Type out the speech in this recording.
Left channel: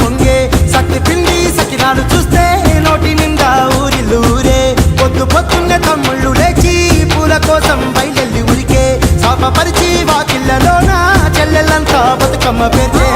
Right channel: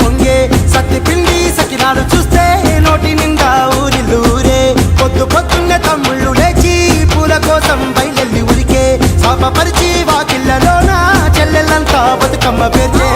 పొంగే సత్తి పిండి సకినాలు చూస్తే నోటి నిండా ఊరిల్లూరే పొద్దు పొద్దున్నే తమ్ముళ్ళు లేచి పూల కోసం బయలెల్లి ఉరికే శాపపరిచి వాకిళ్ళలోన చెల్లెళ్ళంతా బతుకమ్మ పేర్చే